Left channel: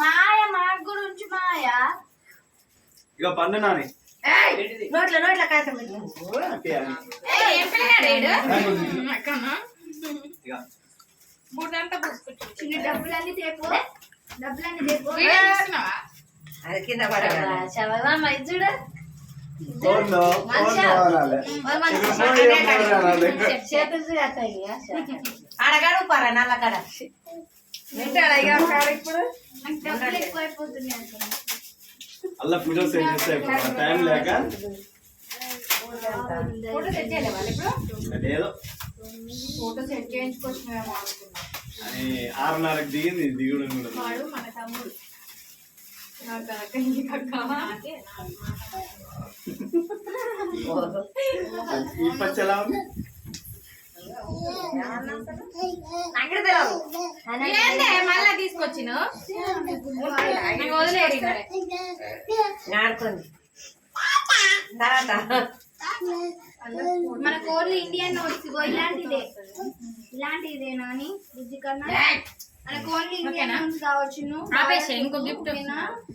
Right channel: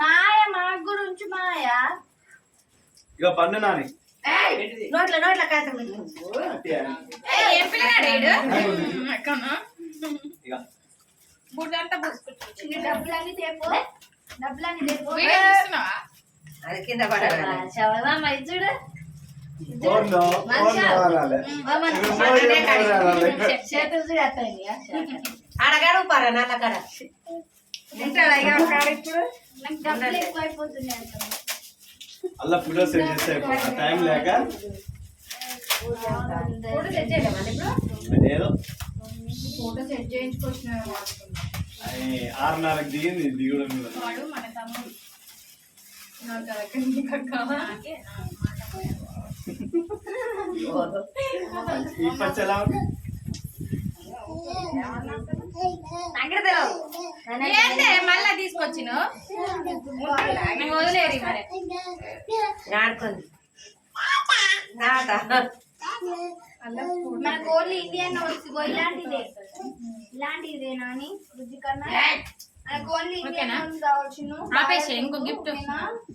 మాయ మా గురించి మాయ ఇక పన్ను నాని నోట్ల కాయ డబ్బులన్నీ తేపు అది కింద చూడు చేతులు అడగాడు పారా నాన్న కాడ ఇప్పుడు డబ్బులు ఎక్కువైపోతున్నాయి అలా ఫోటో సెండ్ చేస్తే టైం లేక ఫోటో సెట్ చేయలే మళ్ళీ ఇప్పుడు అదేదో ఫోటో సెట్ చేయించుకొచ్చినామేమో 6:30కి దిగింది దిగుడు వాడు మన తమ్ముడు ఈ పచ్చి ఎలా ఉంది మళ్ళా తీసుకొచ్చిన వదిలేరు మనకు ఓన్లీ ఇండియన్ నోట్స్ ఇలాంటిదే నాని బుజ్జి కన్నా మనకు ఓన్లీ ఇండియన్ నోట్స్ కావచ్చు